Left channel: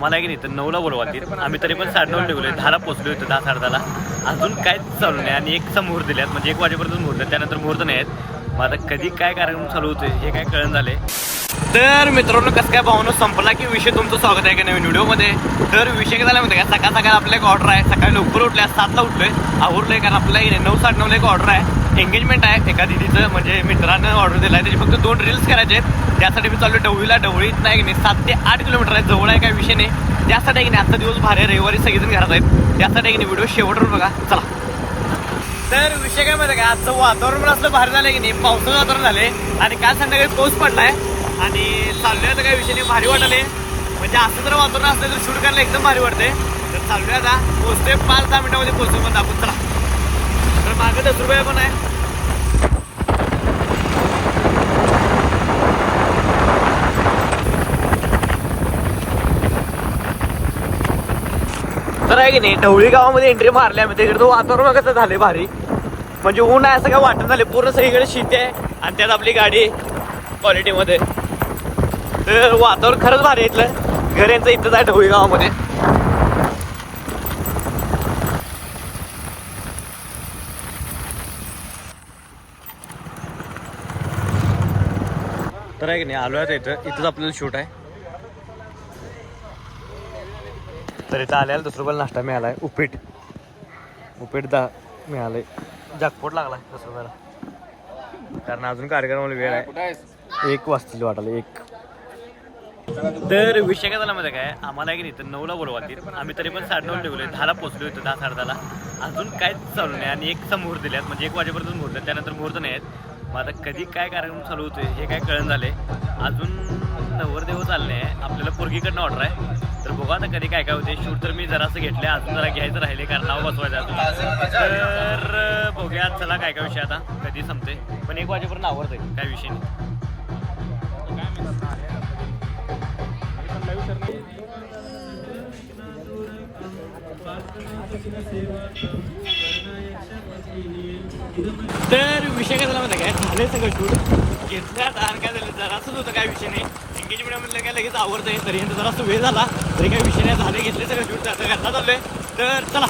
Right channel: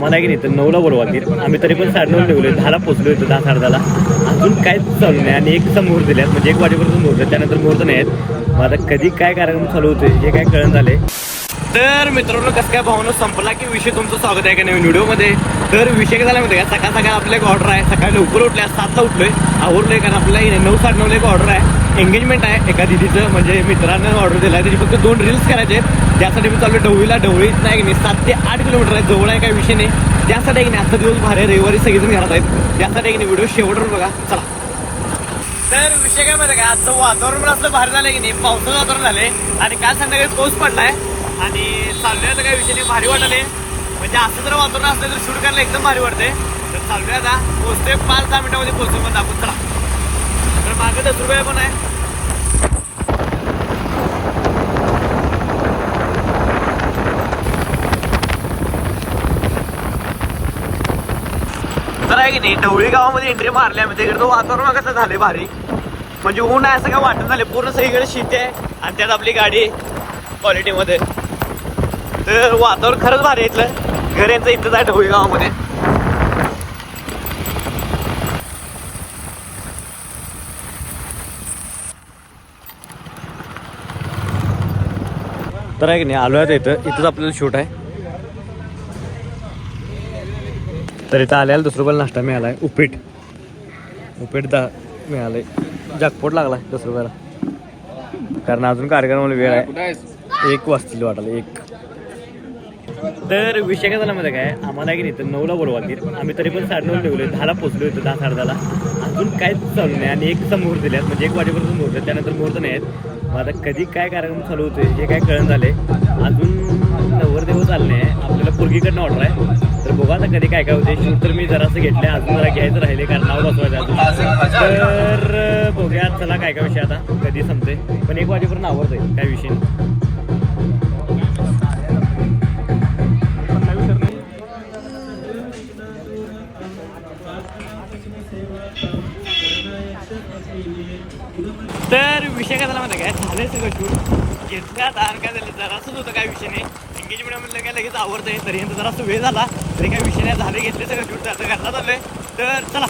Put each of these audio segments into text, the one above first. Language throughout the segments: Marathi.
आम्हाला की नाही तर 9ला बोलवातील. आम्ही तरी पण 9:30 निघलोय, 10ला पोहोचलो इथं, 10-10:30ला. अजून काहीच चालू नाही आणि 1चा मुहूर्त दिल्यात, म्हणजे 1 वाजेपर्यंत मुहूर्त, त्यानंतर मुहूर्त नाही आहेत. मग आता कधी काय कार्यक्रम चालू होते हे काय कळण झाले. तर मित्रांनो, कसं काय भावना संपला की विषय तुमचं स्वागत आहे का नवीन व्हिडिओमध्ये. तर विषय काय झाला माहिती का, सकाळ सकाळ आपल्या एक ऑर्डर आहे. सकाळी लवकर उठल्या, 7ला उठलोय, आवडलोय, कारण आपल्याला 9-9:30 एक ऑर्डर आहे, एंगेजमेंट आहे एका दिदीचं, म्हणजे मित्रांनं ऑर्डर दिला आहे. त्याची फक्त 2 रील्स करायचे आहेत. त्यासाठी मी चाललो ढवळीला. ढवळीत नाही 7 ते 8 किलोमीटर आहे, जवळ आहे, काही विषय नाही. त्यासाठी की नाही आजचा दिवस भारी, रविवारी सगळेजण घरात आहेत, त्यासाठी की नाही व्हिडिओ शेवटवर बघा. चला. तर विषय काय माहिती का, आजचं वातावरण असलं भारी झालं की नाही, पावसाचं वातावरण झाले आणि काल संध्याकाळी पाऊस पडलाय आणि चाललंय आता काही विषय नाही, भारी वाटले. म्हणजे असं जर वातावरण असलं तर शूट करायला एकदम भारी वाटते. तर चाललंय आता, पोहोचते 5-10 मिनिटामध्ये पोहोचतो मग आपण. चला. तर माझं डबरुबाई पण आहे. तर आहे की नाही, ढवळी गावामध्ये एंट्री मारली आम्ही. तिकडे तो वातावरण कसं झाले भारी, म्हणजे ऊन आहे असं काय वाटत झाले. पूर्ण सगळीकडे शेती आहे आणि त्यात आपली गाडी क्वालिटीमध्ये. तर वातावरण खरंच भारी इथलं. घर यांचं इथंच आहे ढवळी गावामध्ये. तर आहे की नाही, आलो आहे इथंच आपल्याला शूट आहे. तर इथं आल्याला ₹10 नाश्ता मिळालाय, उपीट मिळालंय. जाकपोट लागलाय ₹10, कारण अजून कार्यक्रमाला वेळ आहे, 1 वाजतील वाटायला 1. तर विषय काय झाला माहिती काय, आम्हाला की नाही तर 9ला बोलवातील. आम्ही तरी पण 9:30 निघलोय, 10ला पोहोचलो इथं, 10-10:30ला. अजून काहीच चालू नाही आणि 1चा मुहूर्त दिल्यात, म्हणजे 1 वाजेपर्यंत मुहूर्त, त्यानंतर मुहूर्त नाही आहेत. मग आता कधी काय कार्यक्रम चालू होते हे काय कळण झाले. अजून नवरदेव चालले आहे, आपल्याला पोरगीकडनं ऑर्डर आहे. तर बघा आता कधी काय काय होते. शूट तर मी जरासं घेतलं, अजून जरा घ्यायचं राहिले, कारण नाव बसवायचं अजून. तर बघूया चला काय काय विषय आता कधी संपते, पण 1 वाजेपर्यंत आवडत आहे, काय विषय. तर विषय काय झाला माहिती काय, झाले सगळं शूट घेतलं आता. आणि काय झालं, जरासंच होतं, काय विषय नाही. एंगेजमेंट म्हणलं काय लगेच आवडतंय, तरी जरासं वेळ झाला तरी काय विषय नाही, झाले घेतले सगळं शूट, आता घरला चाललोय. तर चला.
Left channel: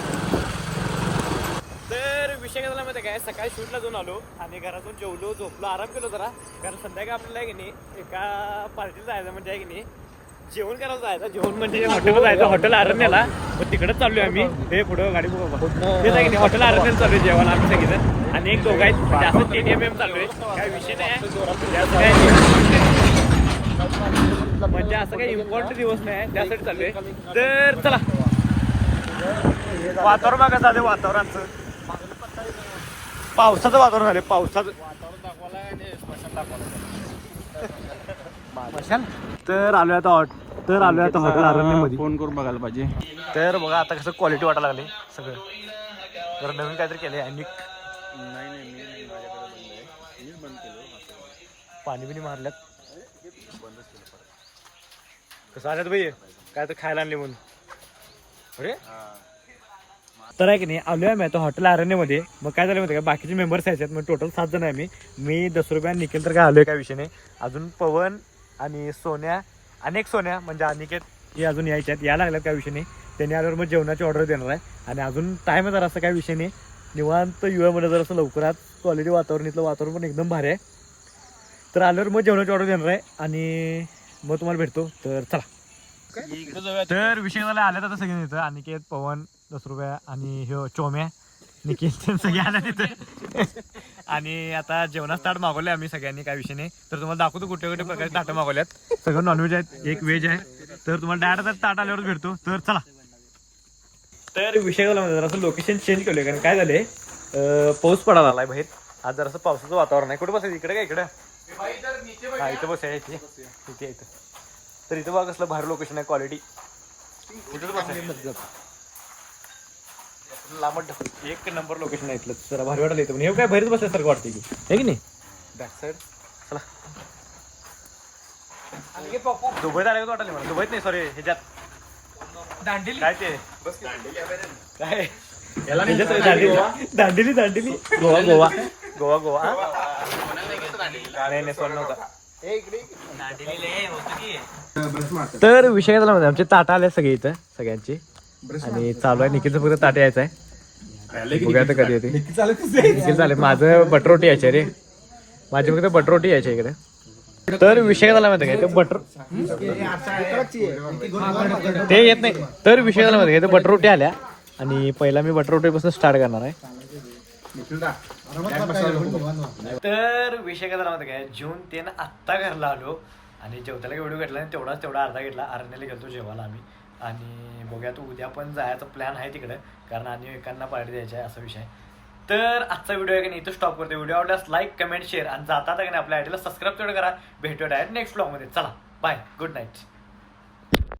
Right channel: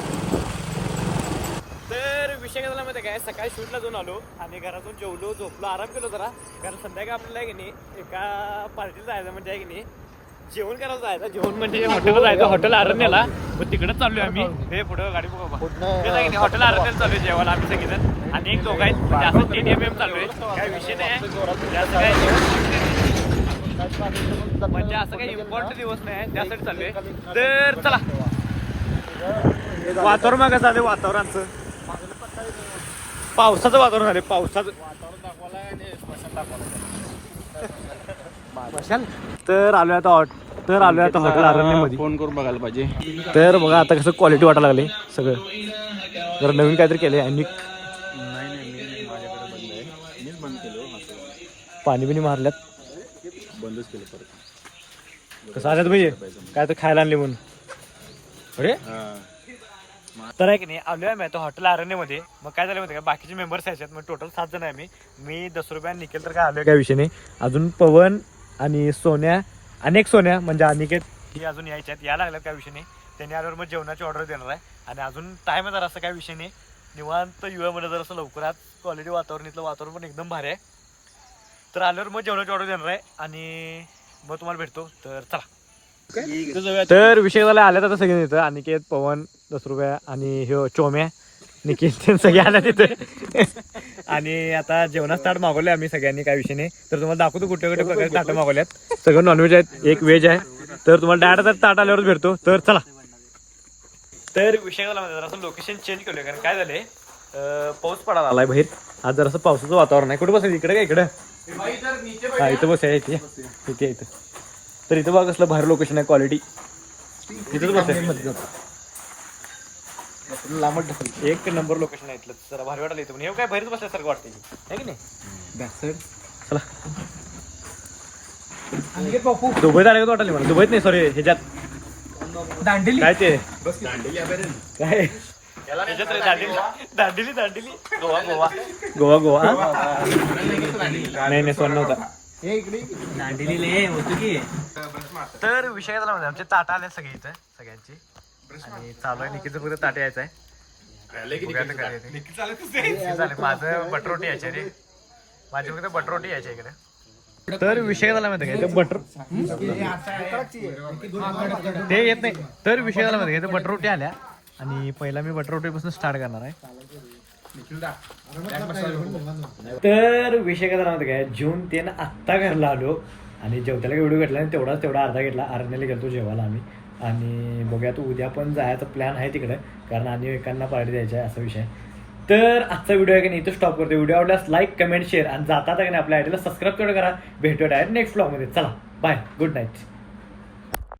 तर विषय काय झाला माहिती काय, सकाळी शूटला जाऊन आलो आणि घरातून जेवलो, झोपलो, आराम केलो जरा, कारण संध्याकाळी आपल्याला की नाही एका पार्टीला जायचं, म्हणजे की नाही जेवण करायला जायचं. जेवण म्हणजे हॉटेलला जायचं, हॉटेल अरण्याला. मग तिकडंच चाललोय आम्ही. हे पुढं गाडी बघा, ते नाही हॉटेल अरण्याला चालू आहे जेवण आम्ही सगळीजण, आणि 1 दोघं आहेत, म्हणजे असं KTM चालू आहे. म्हणजे असं काही इम्पॉर्टंट दिवस नाही, त्यासाठी चालू आहे. तर चला. वातावरण मागं झालं, वातावरणाचं पावसाचं वातावरण झालं, पावसाचं. तर आलोय आता हॉटेल अरण्यामध्ये. फोन करून बघायला पाहिजे. तर बघा आता कसं क्वालिटी वाटायला लागले सगळं, जरा नवीन काहीतरी केलंय. आणि पाणी बिणी मारल्यात, बंदच केलं परत. कसं आल्यात पाहिजे काय तर खायला आणले म्हणून. अरे तर आहे की नाही, आलोय आम्ही आता हॉटेल अरण्यामध्ये. मग काय झालं माहिती का, बाकीचे मेंबर्स यायच्यात, मग टोटल 7 जण आहे. मी ₹10 निखिल तर काय आलोय काय विषय नाही. अजून पवन आणि सोन्या, अनेक सोन्या म्हणजे अनिकेत ही अजून यायच्यात, या लागल्यात, काय विषय नाही. त्यांनी आल्यावर मग जेवणाची ऑर्डर देणार आहे. आणि अजून टाईम आहे जरा, असं काय विषय नाही, निवांत युवामध्ये जर असं लवकरात क्वालिटी वातावरण, इथलं वातावरण पण एकदम भारी आहे. तर आल्यावर मग जेवणाची ऑर्डर देणार आहे आणि मग तुम्हाला भेटतो. तर चला. तर विषय झाला, आल्यात आता सगळे तिथं, अनिकेत, पवन, ₹10 आणि हे चोम्या, निखिल, सगळे आल्या तिथं. आणि आता जेवणात ताट मागवले आम्ही सगळ्यांनी, काय विषय नाही. तर तुम्हाला दाखवतो कुठे कुठे प्रकारचे ताटं मागवल्यात. सगळं नॉनव्हेज आहेत, 1 व्हेज आहे. तर तुम्हाला डायरेक्ट ताट आल्यावरच भेटतो. तर चला. तर विषय झाला म्हणजे जरासं लोकेशन चेंज केलं, कारण काय झालंय, पाऊस पडायला आलाय बाहेर. आज जरासं पावसाचं वातावरण आहे. कुठे बसायचं, इकडे काय इकडं, हा इथं बसायचं, इथे. तर इथं बघा कसलं भारी लोकेशन आहे, क्वालिटी. इथंच बसायचं, लांबट ढकल, 1 नंबर लोकेशन आहे इथलं. जरा भारी वाटायला येतं, पण हे काय बाहेरच बसायसारखं वाटतं की, आहे की नाही. चला. दुबईत आले का वाटायला मला, दुबईत नाही, सॉरी, ह्याच्यात दांडेली, काय ते काय दांडेली, गोवा. नाही सोन नव्हता. तर विषय काय झाला माहिती आमचे ताटा आले सगळे इथं सगळ्यांची आणि चालू आहे निखिलचं फक्त ताट यायचं आहे बघूया आता कधी येते निखिल चालेल माझं बटरोटी यायचे रे माझी फक्त बटरोटी यायची इकडे तर विषय काय झाला माहिती काय ते बटर ते येत नाही तर विषय झाला माहिती काय ते बटरोटी आल्या आणि पहिला मी बटरोटी पासून स्टार्ट करणार आहे तर विषय काय झाला माहिती काय जेवून ते ना आत्ता घरला आलो आणि जेवताला व्हिडिओ घेतला आणि तेवढा अर्धा घेतला आरण्याला गेलो जेवायला आम्ही आणि बघूया तो उद्या पण जायचा प्लॅन आहे तिकडे कारण आणि एकांना पार्टी द्यायची आहे असा विषय तर आजचा व्हिडिओ आहे की नाही इथं स्टॉप करतो व्हिडिओ आवडल्यास लाईक कमेंट शेअर आणि जाता का नाही आपल्या आयडीला सबस्क्राईब तेवढं करा भेटूया डायरेक्ट नेक्स्ट व्लॉगमध्ये चला बाय गुड नाईट